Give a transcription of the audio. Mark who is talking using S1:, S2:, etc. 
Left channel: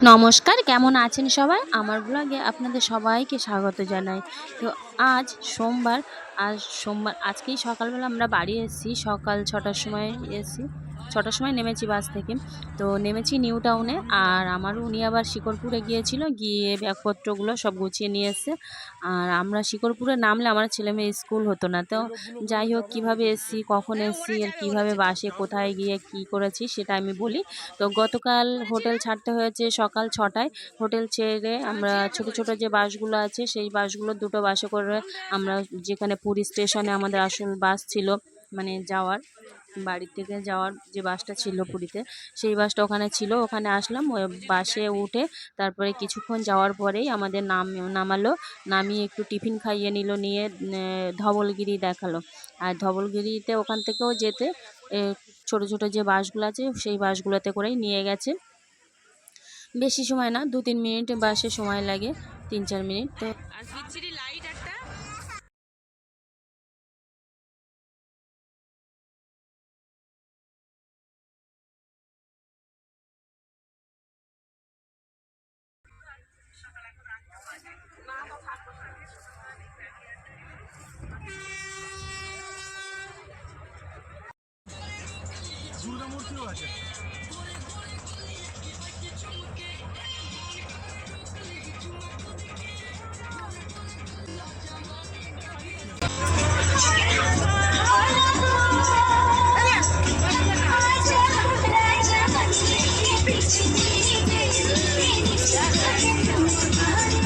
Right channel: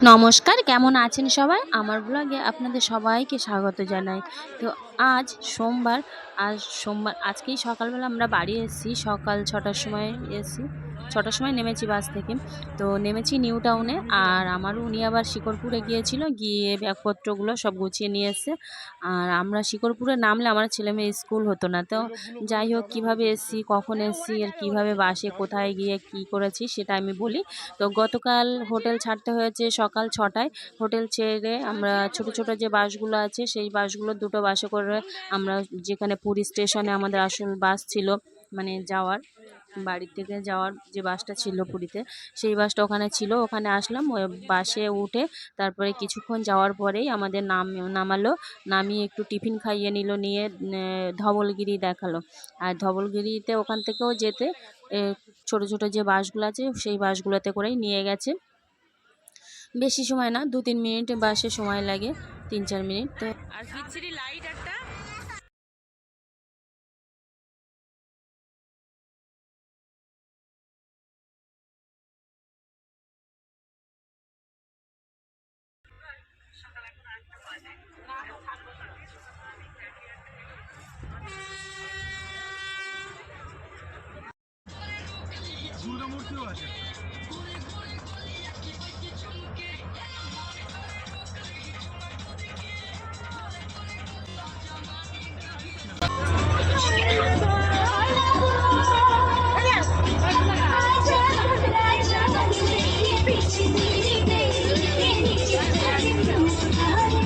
S1: নমস্কার, কেমন আছেন সবাই? আমার ব্লগে আপনাদের সবাইকে স্বাগত জানাই। তো আজ সোমবার আজ সোমবার, আজকেই সকালবেলা আমরা বাড়ি এসেছি, সকাল ছটার সময় এসেছি। ছটার সময় নেমেছি বাস থেকে। তো নেমেছি নিউ টাউনে আর আমার উনি আবার শিকরপুরে গিয়েছিল। গিয়ে ব্যাগপত্রগুলো সব গুছিয়ে নিয়ে এসছে। আর আমরা শিকরপুরে নামলে আমার ছেলে মেয়ে স্কুল হতো না। তো যাই হোক, কীভাবে এসছি, কখন এসছি, আর কীভাবে বাসে কোথায় গিয়ে কি করেছি সেটা আমি বলি। তো গতকাল হোটেল ছাড়তে হয়েছে সকাল ছটায়। হোটেল ছেড়ে আমরা ছোট ছোট যে বাসগুলো আছে, সেই বাসগুলো দুটো বাসে করে আমরা যেখানে পুরী স্টেশনে আমাদের আসল বাস ছিল মানে যাওয়ার। বাড়ি থেকে যাওয়ার যে বাসটা ছিল পুরীতে, সেই বাসটা ওখানে ছিল। ওখানে আসলাম, ওই বাসে উঠে তারপরে কিছুক্ষণ যাওয়ার পরেই আমাদের নাম, নামালো। নামিয়ে একটু টিফিন খাইয়ে নিল, নিয়ে ধবলগিরি দেখাল। আর ধবলগিরিতে ওখান থেকেও যেতে ছোট ছোট যে বাসগুলো আছে, সেই বাসগুলোতে করেই নিয়ে গেছে। বেশি সময় না, দু, তিন মিনিট বাসে সময় লাগে, তিন, চার মিনিট। তো
S2: আর মূর্তিও I'm gonna make you.